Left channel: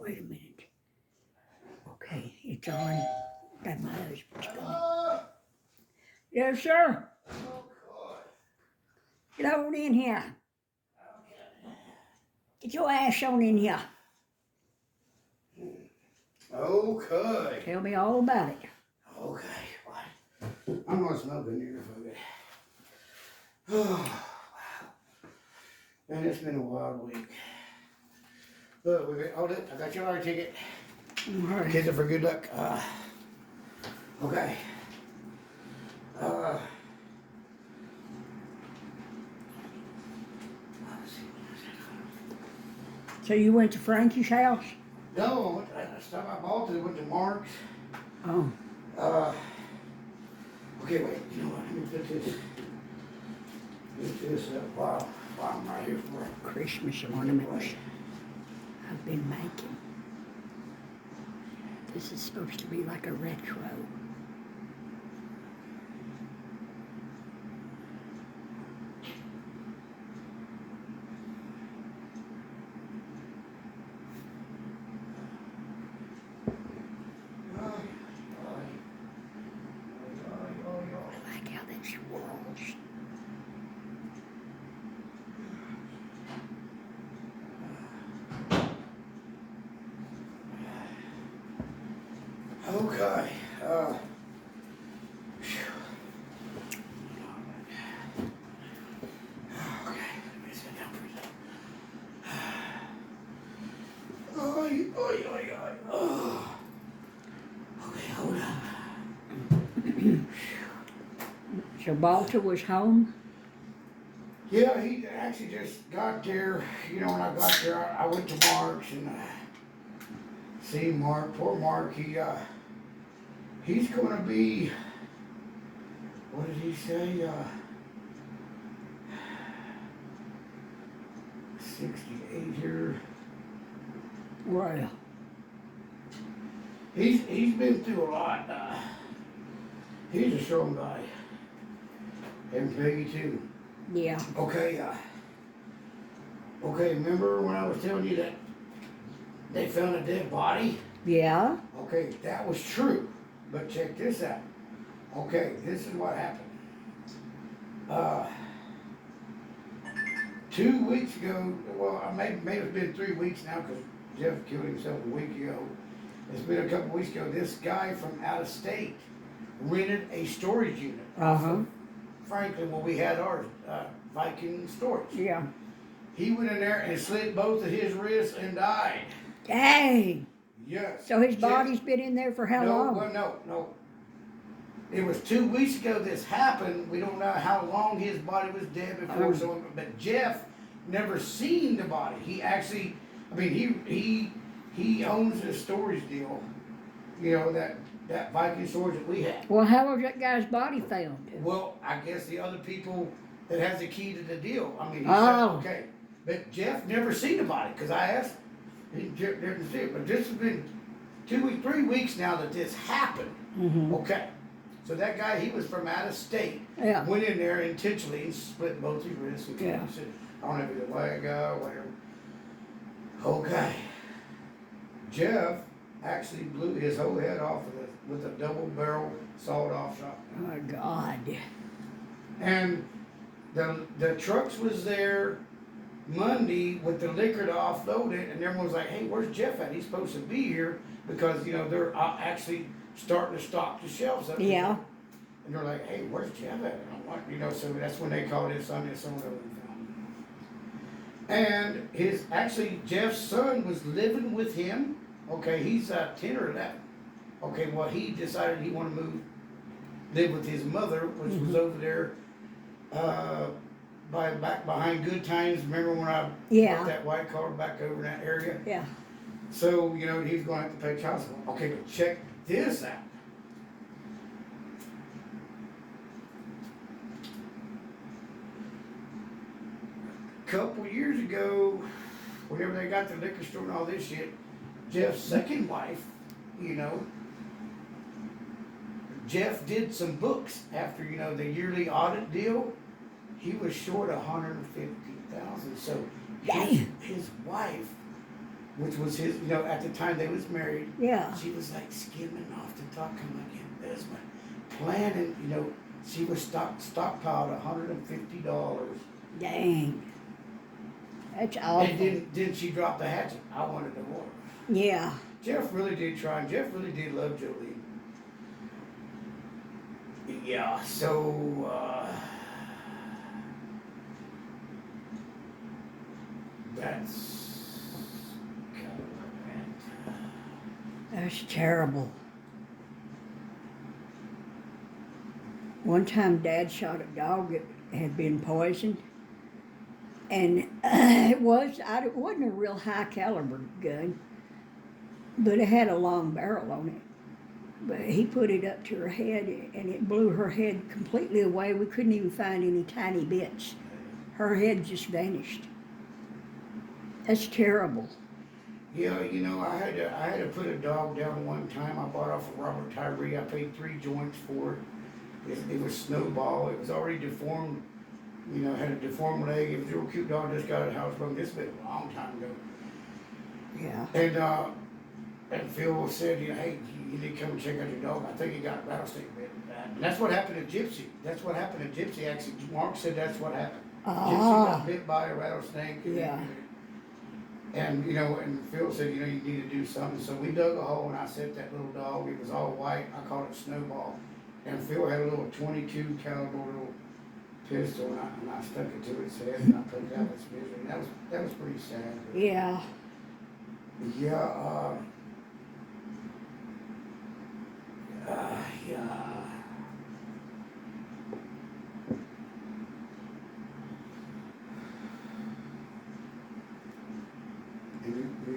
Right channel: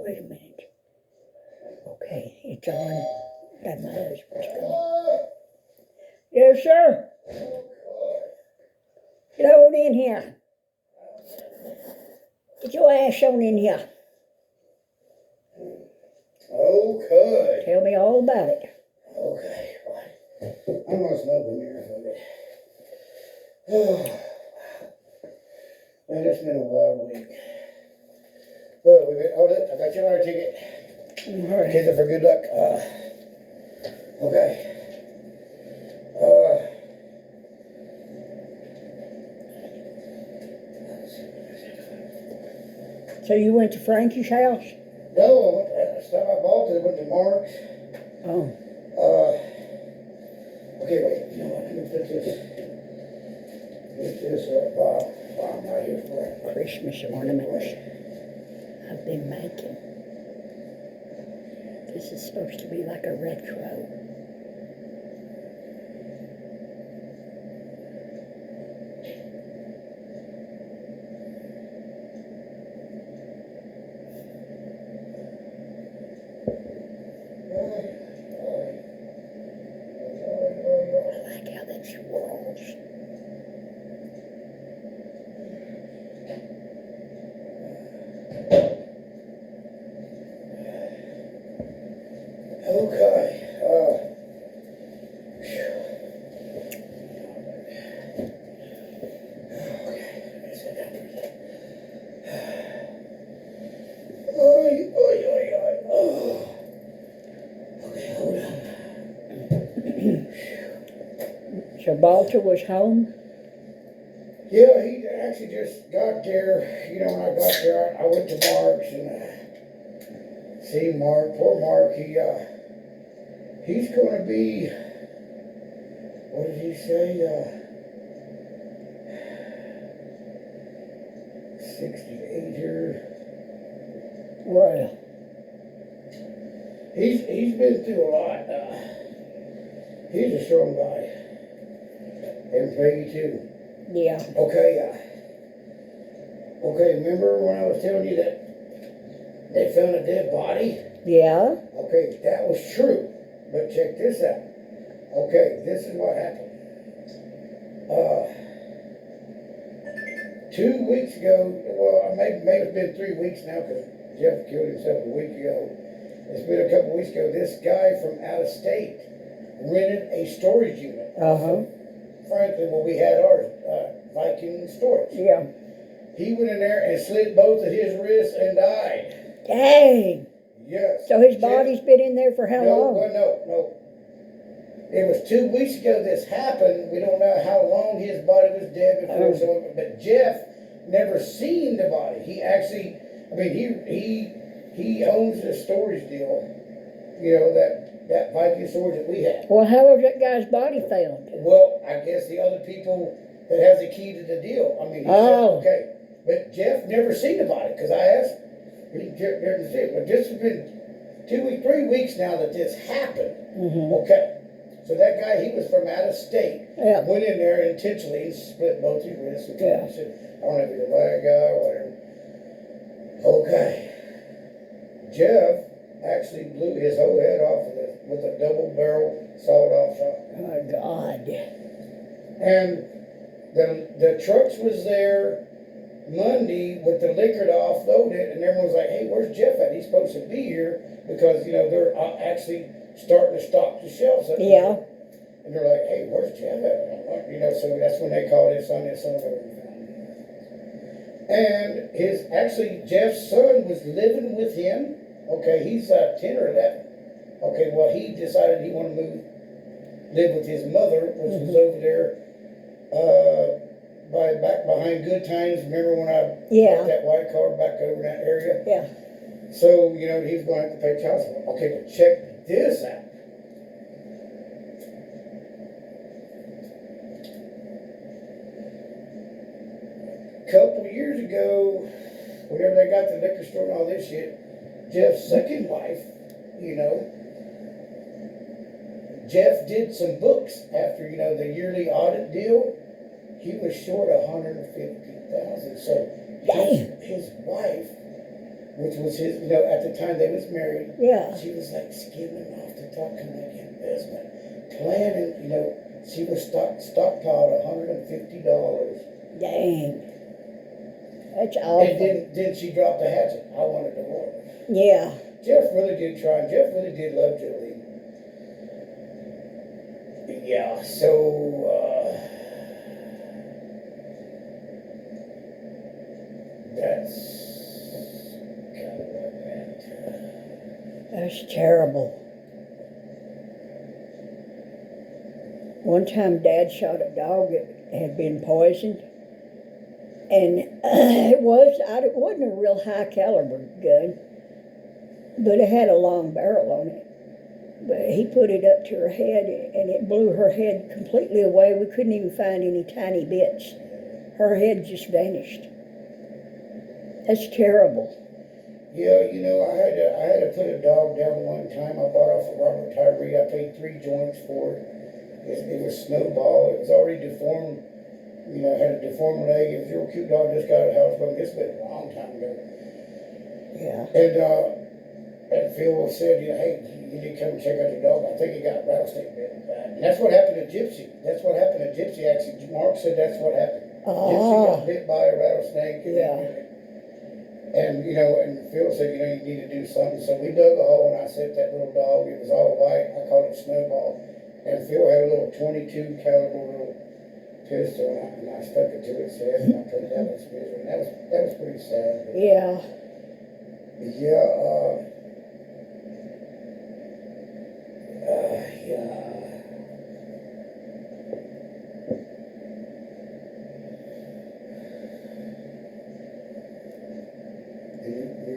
Wait a minute. Okay, it's on. Got my husband's phone. Yes, sir. Get on in here. Get your ass on in here. Okay. Tell me all about it. Okay. I'm gonna smoke in here if I get. Oh, wow. Man, it's been a wild week. Look, hold it. I got your lottery ticket. Right. Kids are for good luck. Okay. So you went to Frankie's house? No, stuff I bought it went to Mark's. Oh. Okay, wait. You know what? Let me put this up while I'm right here for it. Christmas ornaments I've been making. This is supposed to be like a retro. I like how that swirls. Okay. Okay, let me sit down for a second. Oy, oy, oy, oy. Oh. Okay, hold on. So Walter was home? Yeah, he actually just got there. You know, when I got there, I went to Mark's and see Mark. Poor Mark, he's going to be, what did he say? 68 here. Well. He's been through a lot. He's a strong guy. And Peggy too. Yeah. Okay, okay, remember when I was telling you that they found a dead body? Yeah. Okay, that was true. But check this out. Okay, this is what happened. 2 weeks ago, well, maybe it's been 3 weeks now because Jeff killed himself a week ago. It's been a couple weeks ago. This guy from out of state rented a storage unit. Frankly, well, we had ours, Viking storage. Yeah. He went in there and slit both of his wrists and died. Dang. Yes. So his body's been in there for how long? No. It was 2 weeks ago this happened. We don't know how long his body was dead before. So, but Jeff never seen the body. He actually, I mean, he owns this storage deal. You know, that Viking storage that we had. Well, how was that guy's body found? Well, I guess the other people that has the key to the deal. I mean, he said, okay. But Jeff never seen the body because I asked. He didn't see it. But this has been 3 weeks now that this happened. Okay. So that guy, he was from out of state. Yeah. Went in there intentionally and split both his wrists. And said, I don't know if he's a leg guy or whatever. Okay. Jeff actually blew his whole head off with a double barrel sawed-off shotgun. Oh my God. And the trucks was there Monday with the liquor to offload it, and everyone was like, hey, where's Jeff at? He's supposed to be here because, you know, they're actually starting to stock the shelves up. Yeah. And they're like, hey, where's Jeff at? I'm like, you know, so that's when they called his son, and Jeff's son was living with him. Okay, he's 10 or 11. Okay, well, he decided he wanted to live with his mother, which was over there, back behind Good Times. Remember when I bought that white car back over in that area? Yeah. So, you know, he's going to have to pay child support. Okay, but check this out. A couple years ago, whenever they got the liquor store and all this shit, Jeff's second wife, you know, Jeff did some books after, you know, the yearly audit deal. He was short $150,000. So his wife which was his, at the time they was married. Yeah. She was like skimming off the top, kind of like investment, planning, she was stockpiled $150. Dang. That's awful. And then she dropped the hatchet. I want a divorce. Yeah. Jeff really did try, and Jeff really did love Jolene. Yeah, so, that's kind of where I'm at. That's terrible. One time Dad shot a dog that had been poisoned. And it wasn't a real high caliber gun, but it had a long barrel on it. But he put it up to her head, and it blew her head completely away. We couldn't even find any tiny bits. Her head just vanished. That's terrible. Yeah, I had to put a dog down one time. I bought off of Robert Tyree. I paid 3 joints for it. It was Snowball. It was already deformed. Had a deformed leg. It was a real cute dog. Just got out of housebroken. This has been a long time ago. Yeah. And Phil said, hey, you need to come and check out your dog. I think he got rattlesnake bit. And that's what happened to Gypsy. That's what happened to Gypsy. Actually, Mark said that's what happened. Gypsy got bit by a rattlesnake. Yeah. And Phil said, you need to do something. So we dug a hole, and I set that little dog. It was all white. I called it Snowball. And Phil had a little 22 caliber little pistol, and I stuck it to its head, and I put it out its misery. And that was pretty sad. But Yeah. yeah, yeah.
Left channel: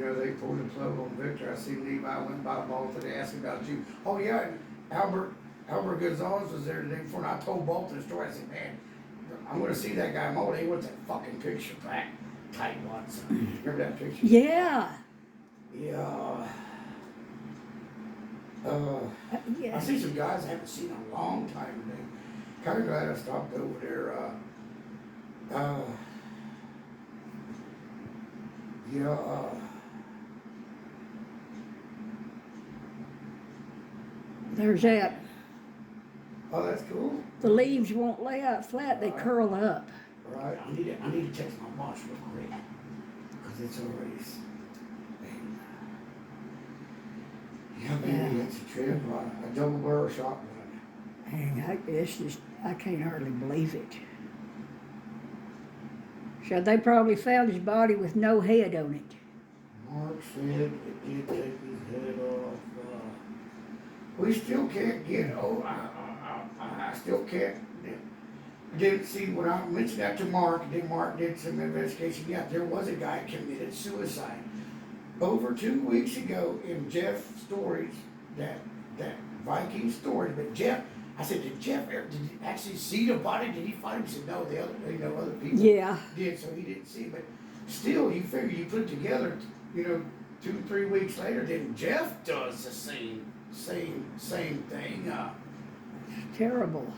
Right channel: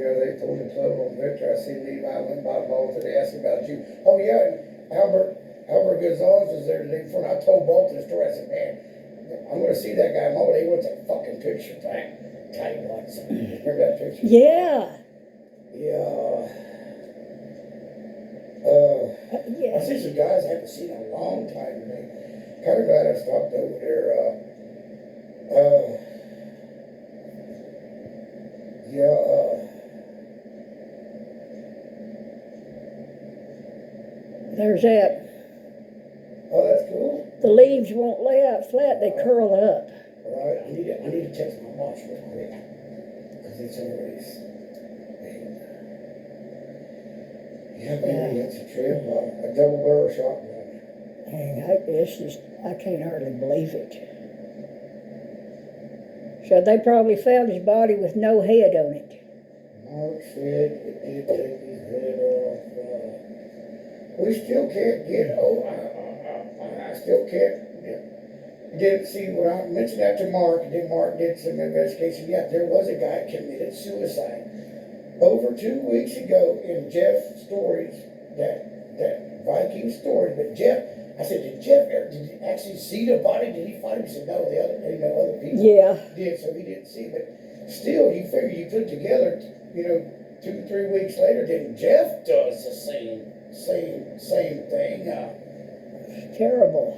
They pulled the plug on Victor. I seen Levi went by Bolton. They asked about you. Oh yeah, and Albert Gonzalez was there the day before, and I told Bolton the story. I said, man, I'm gonna see that guy. Mo, he wants that fucking picture back. Tight ones. Remember that picture? Yeah. Yeah. Yeah. I see some guys I haven't seen in a long time today. Kind of glad I stopped over there. There's that. Oh, that's cool. The leaves won't lay out flat, they curl up. All right, I need to text my boss real quick, because it's already. Yeah, baby, it's a trip. A double barrel shotgun. And I can't hardly believe it. So they probably found his body with no head on it. Mark said it did take his head off. We still can't get. I still can't. Didn't see when I mentioned that to Mark. And then Mark did some investigation. Yeah, there was a guy committed suicide over 2 weeks ago in Jeff's stories. That Viking story. But Jeff, I said, did you actually see the body? Did he find him? He said, no. The other people did, so he didn't see. But still, you figure you put together, 2-3 weeks later, then Jeff does the same thing. Terrible.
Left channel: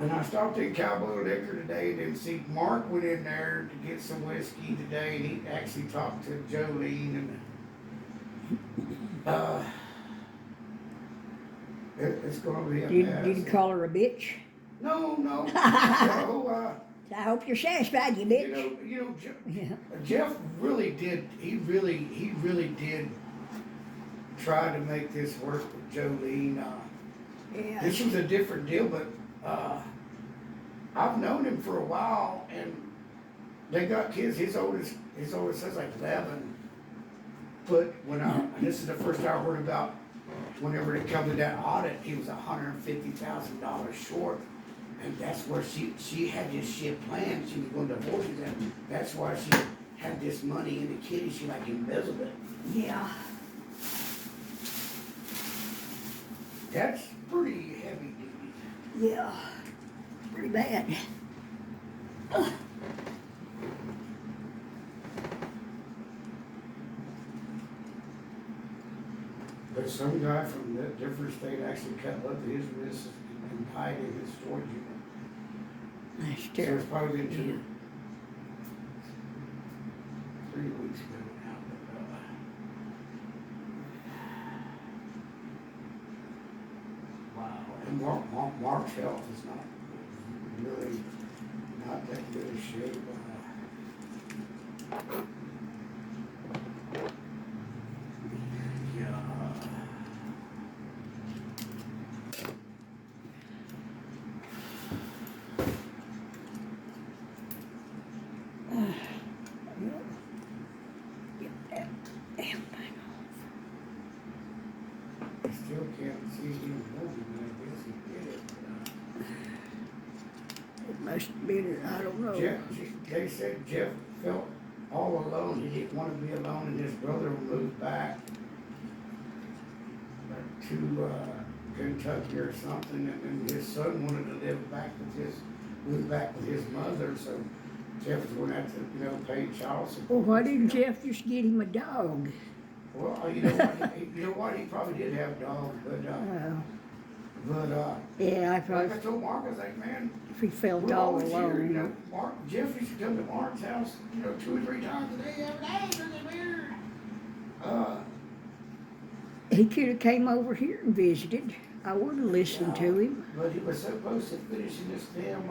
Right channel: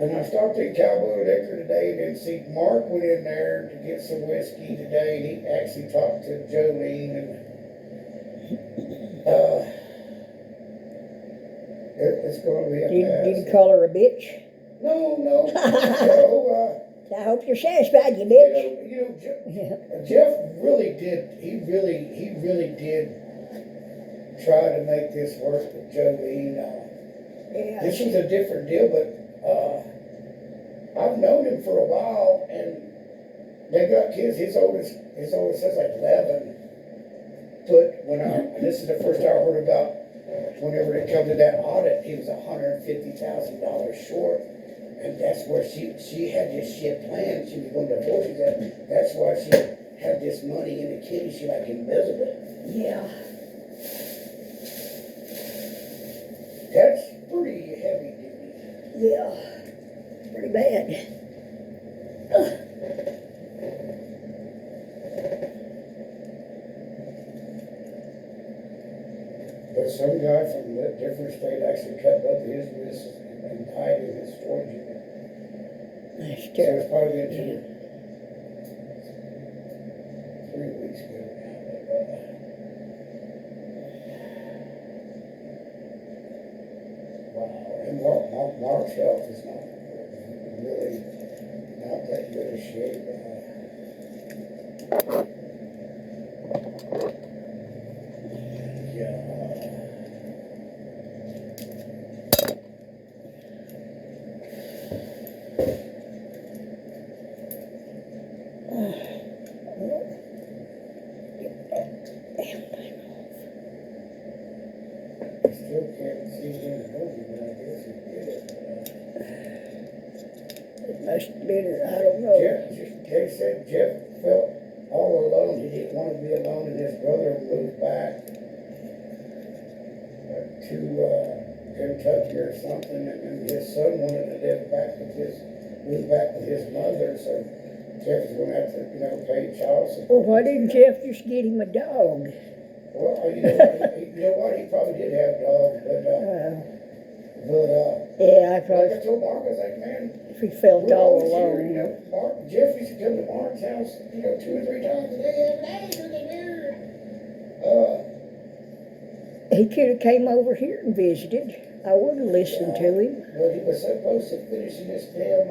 And I stopped at Cowboy Liquor today and then see Mark went in there to get some whiskey today, and he actually talked to Jolene, and it's going to be a mess. Did you call her a bitch? No. I hope you're satisfied, you bitch. Jeff really did. He really did try to make this work with Jolene. Yeah. This was a different deal, but I've known him for a while, and they got kids. His oldest son's like 11. But and this is the first I heard about. Whenever it come to that audit, he was $150,000 short. And that's where she had this shit planned. She was going to divorce him. That's why she had this money in the kitty. She like embezzled it. Yeah. That's pretty heavy duty. Yeah. Pretty bad. But some guy from a different state actually cut both of his wrists and died in his storage unit. That's So terrible. it's probably been 3 weeks ago now. But, wow. And Mark's health is not really not that good a shape. Yeah. I still can't see him moving, but I guess he did it. It must have been, I don't know. They said Jeff felt all alone. He didn't want to be alone, and his brother moved back to Kentucky or something, and his son wanted to move back with his mother, so Jeff was going to have to, pay child support. Well, why didn't Jeff just get him a dog? Well, you know what? He probably did have dogs, but yeah, I like thought I told Mark, I was like, man, if he felt we're all always here, alone. Jeff used to come to Mark's house, 2 or 3 times a day, every day, through the mirror. He could have came over here and visited. I would have listened to him. But he was so close to finishing this damn,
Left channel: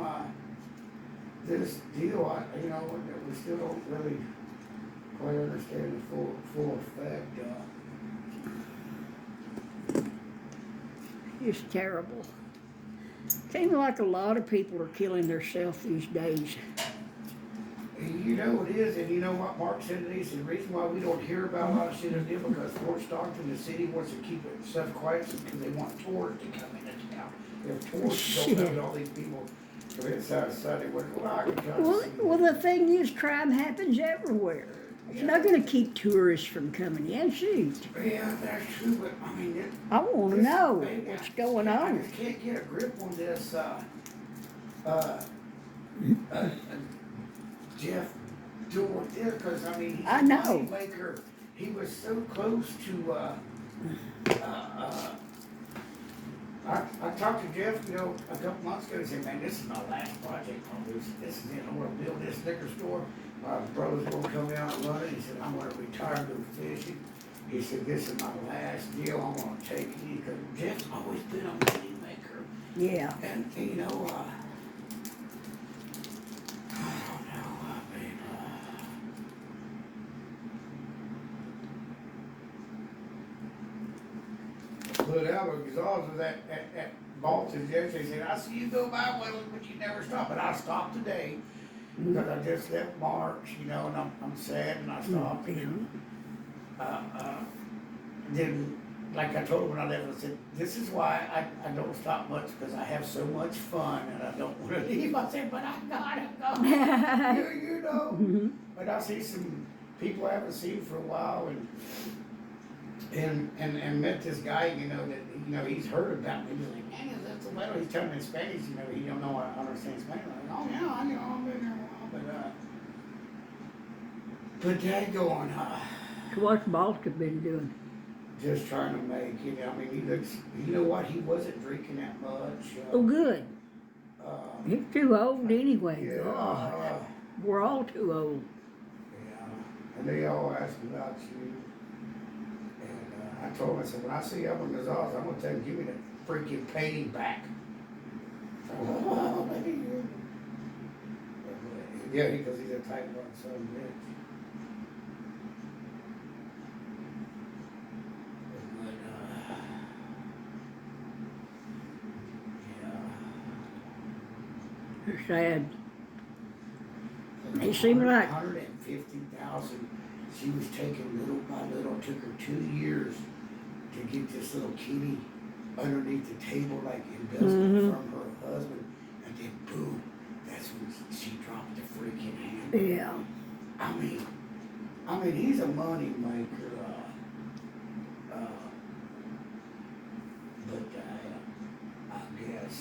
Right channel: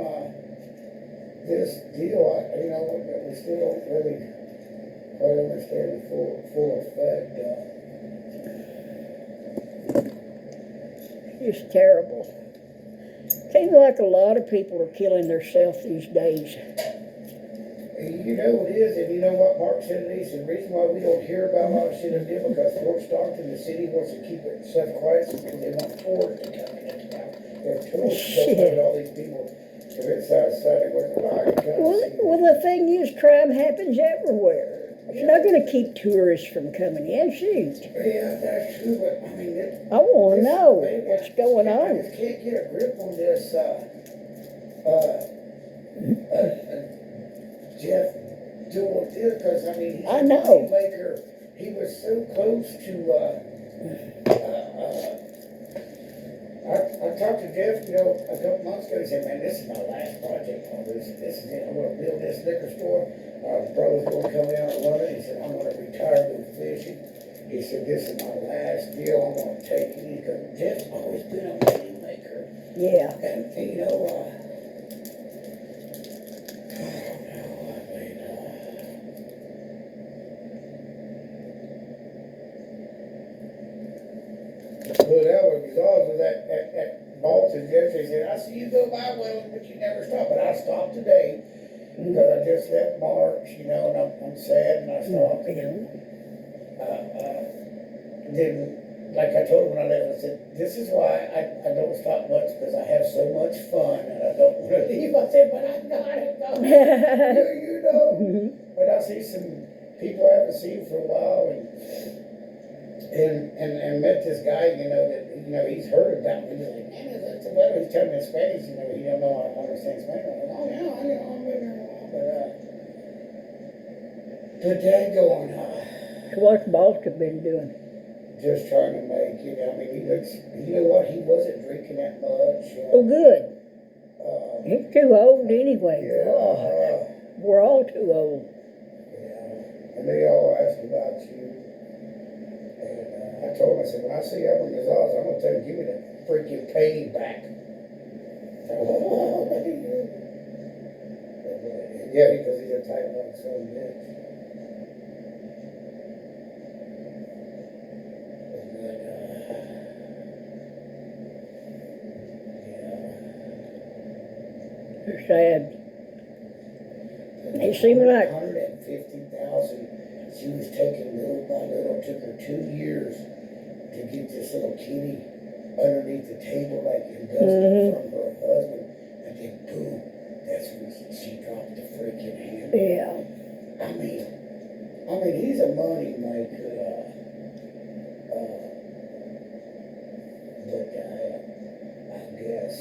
this deal, that we still don't really quite understand the full effect. It's terrible. Seems like a lot of people are killing themselves these days. You know what it is, and you know what Mark said to me, the reason why we don't hear about a lot of shit is because Fort Stockton, the city, wants to keep it stuff quiet because they want tours to come into town. They have tours to go and all these people commit suicide. Well, the thing is, crime happens everywhere. It's not going to keep tourists from coming in, shoot. Yeah, that's true, but I mean, I want to know what's going on. I just can't get a grip on this, Jeff doing what this, because I mean, he's I a know. money maker. He was so close to, I talked to Jeff, a couple months ago. He said, man, this is my last project on this. This is it. I'm going to build this liquor store. My brother's going to come out and run it. He said, I'm going to retire, go fishing. He said, this is my last deal. I'm going to take it. He goes, Jeff's always been a money maker. Yeah. And, I don't know, I mean, but Albert Gonzalez was at Bolton yesterday. He said, I see you go by well, but you never stop. But I stopped today because I just left March, and I'm sad, and I stopped. Then, like I told him when I left, I said, this is why I don't stop much, because I have so much fun, and I don't want to leave. I said, but I gotta go. But I see some people I haven't seen for a while, and met this guy, that he's heard about me. He's like, man, that's a letter. He's telling me in Spanish. He don't know I understand Spanish. I'm like, oh yeah, I've been there a while, but Dad going, So what's Balta been doing? just trying to make it. I mean, he looks. You know what? He wasn't drinking that much. Oh, good. He's too old anyway. Yeah. God. We're all too old. Yeah. And they all ask about you. And I told him, I said, when I see Albert Gonzalez, I'm going to tell him, give me the freaking painting back. Yeah, because he's a tight one, son of a bitch. They're sad. They seem like 150,000. She was taken little by little. It took her 2 years to get this little kitty underneath the table, like embezzled from her husband, and then boom, that's when she dropped the freaking hand. Yeah. I mean, he's a money maker. But I guess.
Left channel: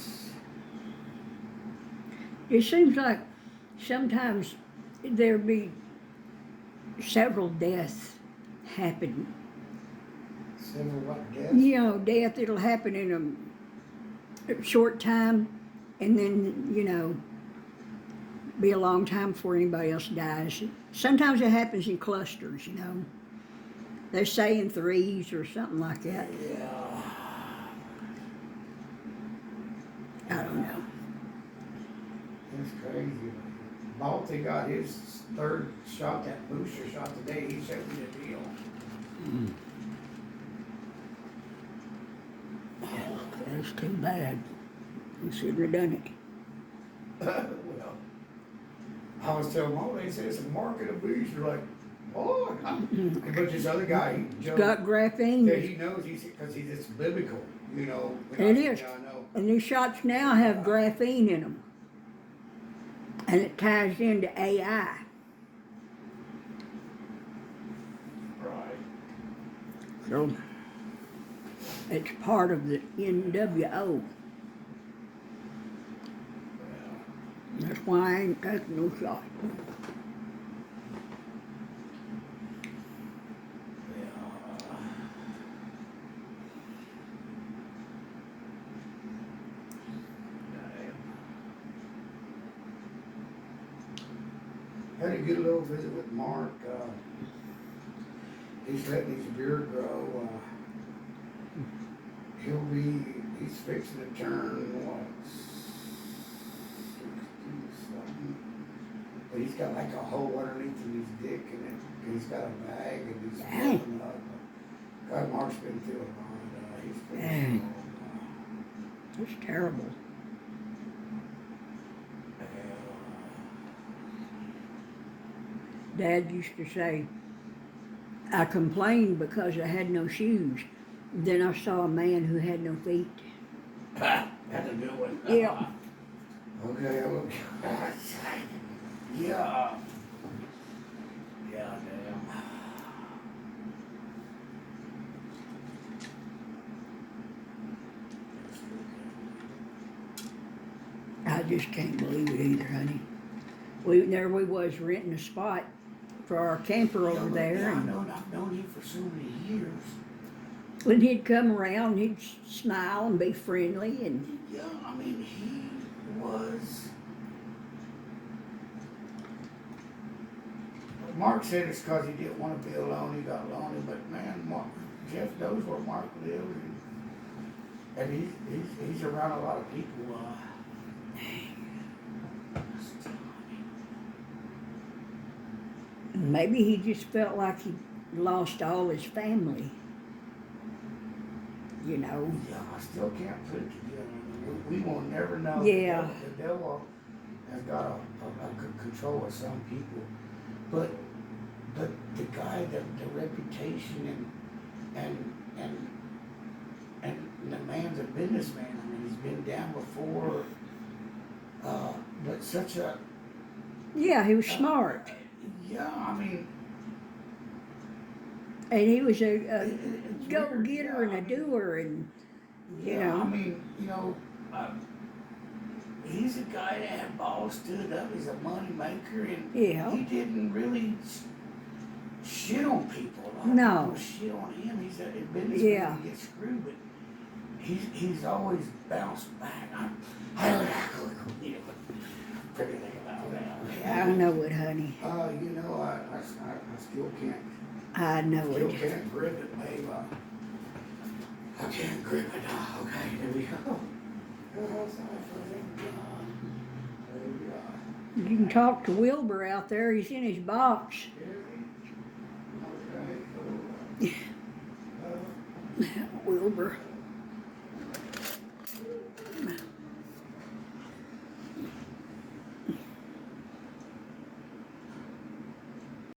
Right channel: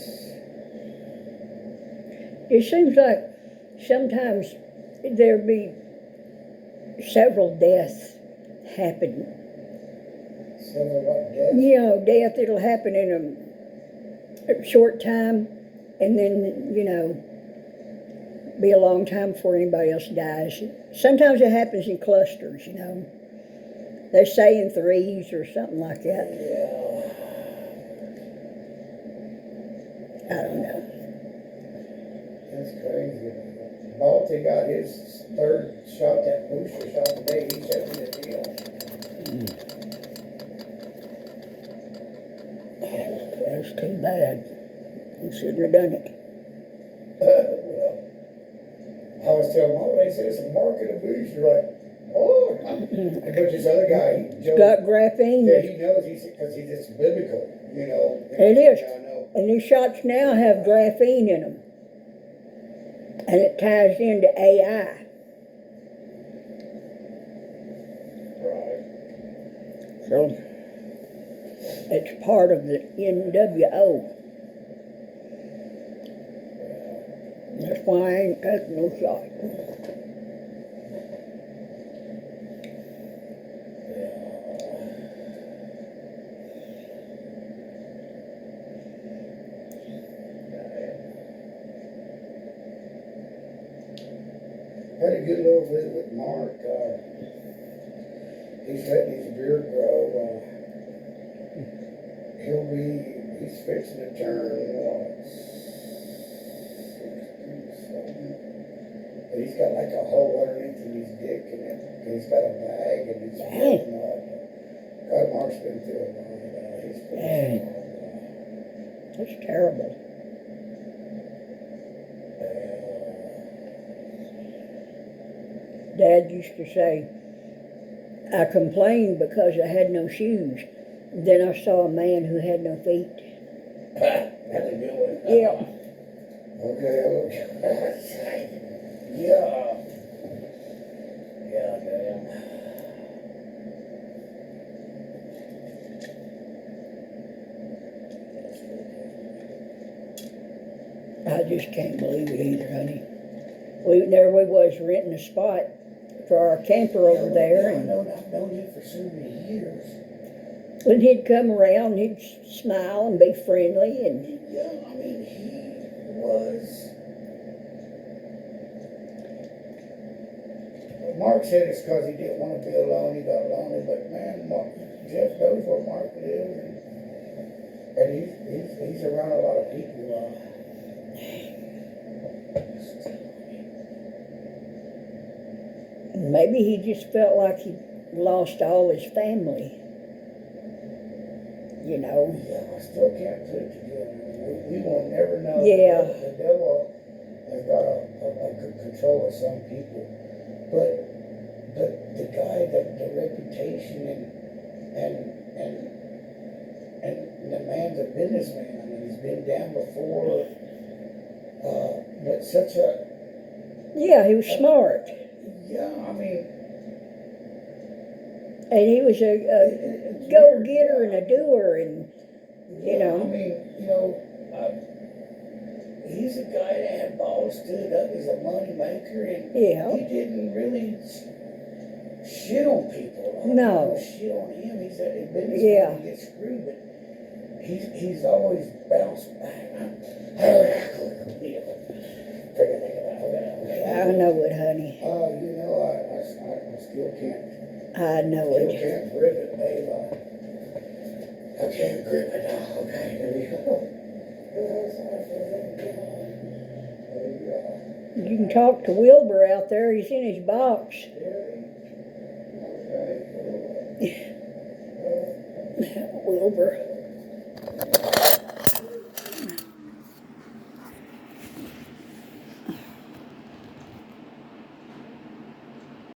It seems like sometimes there be several deaths happen. Several what deaths? Death, it'll happen in a short time, and then, Be a long time before anybody else dies. Sometimes it happens in clusters, you know. They say in threes or something like that. Yeah. I don't know. That's crazy. Balti got his third shot, that booster shot today. He showed me the deal. That's too bad. You shouldn't have done it. Well, I was telling Mo, they said it's a market of booster. Like, oh, but this other guy, Joe, Got graphene. that he knows, because he's just biblical, you know. It is. I know. And these shots now have graphene in them. And it ties into AI. Right. So it's part of the NWO. That's why I ain't taking no shot. Had a good little visit with Mark. He's letting his beard grow. He's fixing to turn, what, 60-something. But he's got like a hole underneath of his dick, and he's got a bag, and he's filling up. God, Mark's been through a lot. He's pretty strong. It's terrible. Dad used to say, I complained because I had no shoes. Then I saw a man who had no feet. That's a good one. Yeah. Okay. Yeah. Yeah, damn. I just can't believe it either, honey. There we was renting a spot for our camper over there. I've known him for so many years. And he'd come around, he'd smile and be friendly, and Yeah, I mean, he was. Mark said it's because he didn't want to be alone. He got lonely, but man, Jeff knows where Mark lives, and he's around a lot of people. maybe he just felt like he lost all his family. You know. Yeah, I still can't put it together. We will never know. Yeah. The devil has got a good control of some people, but the guy, the reputation and the man's a businessman. I mean, he's been down before, but such a. Yeah, he was smart. Yeah, I mean. And he was a go-getter and a doer, and you know. I mean, you know, he's a guy that had balls, stood up. He's a money maker, and he didn't really shit on people. A lot of people shit on him. He's a businessman. He gets screwed, but he's always bounced back. I know it, honey. You know, I still can't. I know it. Still can't grip it, babe. I can't grip it. Okay, here we go. You can talk to Wilbur out there. He's in his box. Wilbur.